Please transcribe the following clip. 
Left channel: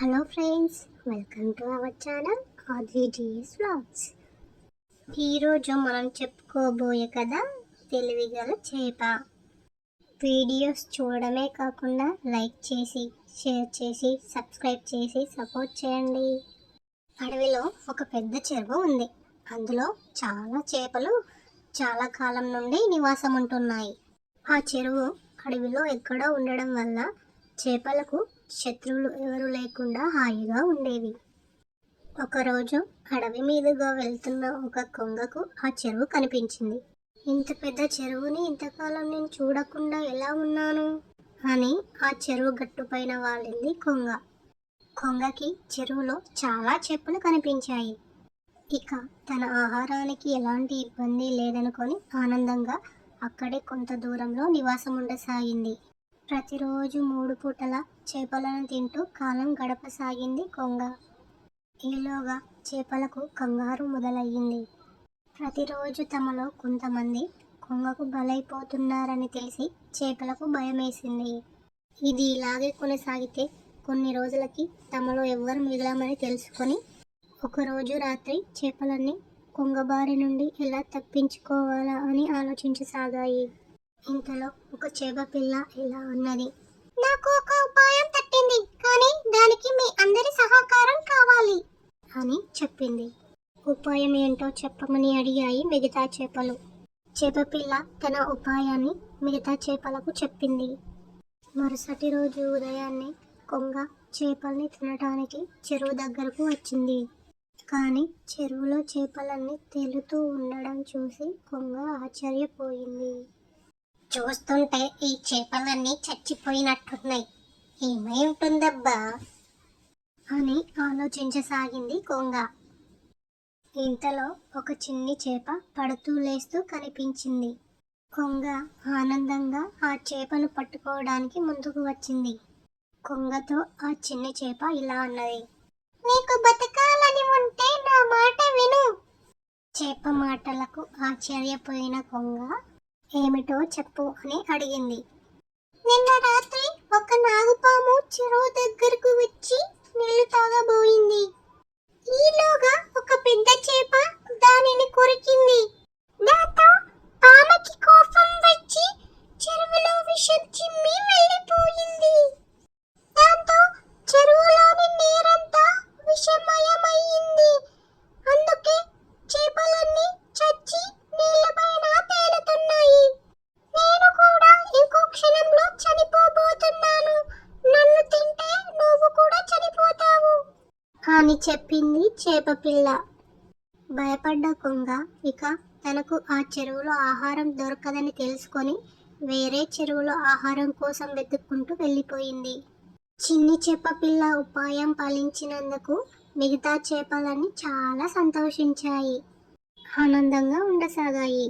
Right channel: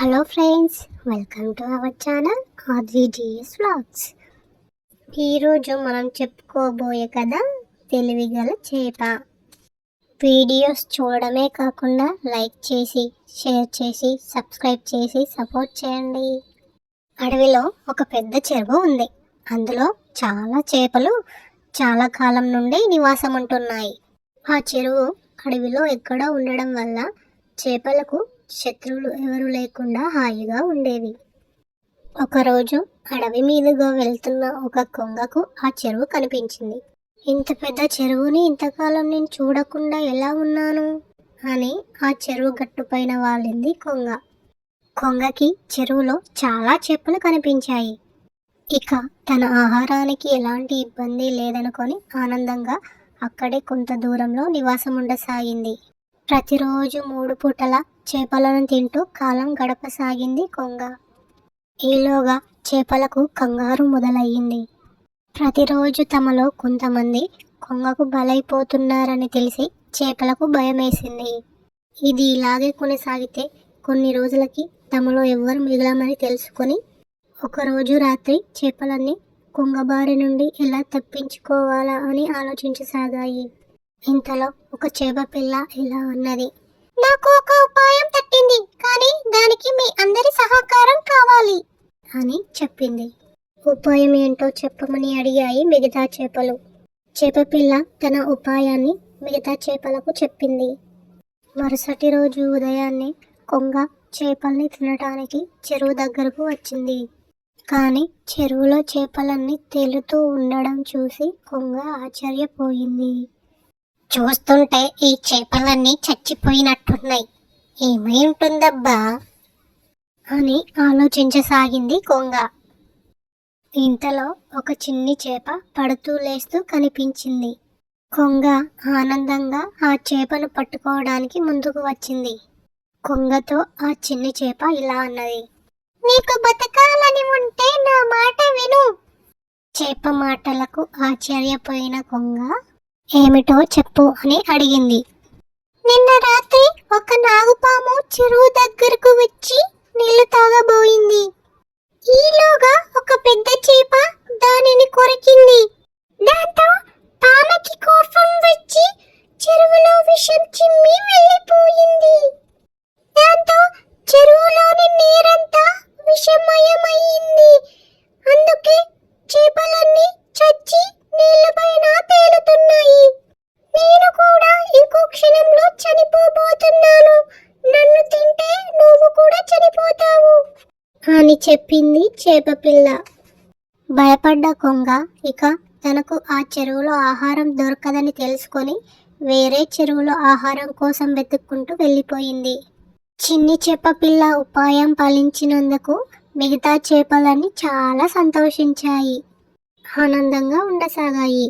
Hello friends, welcome to our channel ఆద్విజిఎస్ vlogs. ఈరోజు మనం చెప్పుకోబోయే కథ తెలివిగల చేప. వీడియోస్ చూడడమే కాకుండా లైక్ చేసి, షేర్ చేసి, సబ్స్క్రైబ్ చేసి సపోర్ట్ చేయండి. అడవిలో ఒక పెద్ద చెరువు ఉంది. అందులో చాలా చేపలు చాలా కాలం నుండి నివాసం ఉంటున్నాయి. ఆ చెరువు అడవిలో ఎక్కడో ఉండడం వల్ల చేపలకు శత్రువులు ఎవరు లేకుండా హాయిగా ఉండేవి. ఒకరోజు అడవి మీదుగా వెళ్తున్న ఒక కొంగకు ఆ చెరువు కనిపించింది. ఇంత పెద్ద చెరువుని ఇంతకాలం నేను చూడకుండా ఎలా ఉన్నాను అని ఆ చెరువు గట్టుపైన వాలింది కొంగ. కొంగకి చెరువులో చాలా చేపలు కనిపించాయి. ఇక తన ఆహారానికి ఎలాంటి ఇబ్బంది లేదనుకొని ఆనందంగా అక్కడే కొంత దూరంలో నివాసం ఉండసాగింది. ప్రతిరోజు 3 పూటల చేపలను తింటూ కాలం గడపసాగింది కొంగ. ఈలోగా చేపలకు కంగారు మొదలయ్యింది. ప్రతిరోజు తమలో కొంతమంది కొంగకు బలైపోతున్నారని తెలిసి చేపలకు భయమేసింది. ఇది ఇలాగే కొనసాగితే కొన్ని రోజులకి తమలో ఎవ్వరు మిగలమని తెలుసుకొని ఒకరోజు రాత్రి చేపలన్నీ కొంగ బారి నుండి ఎలా తప్పించుకోవాలా అని ఆలోచించసాగాయి. ఇంతలో ఒక చేప పిల్ల ఇలా అన్నది, నాకు ఒక ఉపాయం తట్టింది, కానీ దానికి మీ అందరి సహకారం కావాలి అని చెప్పింది. ఉపాయం ఏంటో చెప్పమని అడిగాయి మిగతా చేపలు. చేప పిల్ల తన ఉపాయాన్ని మిగతా చేపలకు చెప్పింది. మరుసటి రోజు ఉదయాన్నే కొంగ చేపల్ని తినటానికి చెరువు దగ్గరకు వచ్చింది. కానీ చెరువులో చేపలన్నీ తేలుతూ ఉండడం చూసి కొంగ ఆశ్చర్యపోయింది. చూస్తుంటే ఈ చేపలన్నీ చచ్చిపోయినట్టున్నాయి, ఏమై ఉంటుందబ్బా అని ఆలోచించసాగింది కొంగ. ఇంతలో ఒక చిన్ని చేప పడుతూ లేస్తూ కనిపించింది. కొంగ ఆనందంగా ఆ చేపను పట్టుకోవడానికి ముందుకు వచ్చింది. కొంగతో ఆ చిన్ని చేప ఇలా అన్నది, నీకు బతకాలని ఉంటే నా మాట విను. చేప మాటలకు ఆశ్చర్యపోయిన కొంగ ఏమిటో చెప్పు అని అడిగింది. నిన్న రాత్రి ఒక నాగుపాము చెరువు దగ్గరకు వచ్చి నీళ్లు తాగబోయింది. ఈలోగా ఒక పెద్ద చేప దానిని కొరికింది. దాంతో పాముకి కోపం వచ్చి చెరువులో విషం చిమ్మి వెళ్ళిపోయింది. దాంతో చెరువులోని నీరంతా విషమయమైంది. అందుకే చేపలన్నీ చచ్చి నీళ్లపైన తేలుతున్నాయి. నేను కూడా ఇంకో క్షణంలో చనిపోబోతున్నాను. నన్ను తింటే నువ్వు కూడా చనిపోతావు అని చెప్పింది చేప పిల్ల. భయపడ్డ కొంగ ఇక తనకు ఆ చెరువులో ఆహారం దొరకదని తెలుసుకొని వేరే చెరువులో ఆహారం కోసం వెతుక్కుంటూ వెళ్ళిపోయింది. చిన్ని చేప పిల్ల ఉపాయం ఫలించినందుకు మిగతా చేపలన్నీ చాలా సంతోషించాయి, ఆనందంగా ఉండసాగాయి.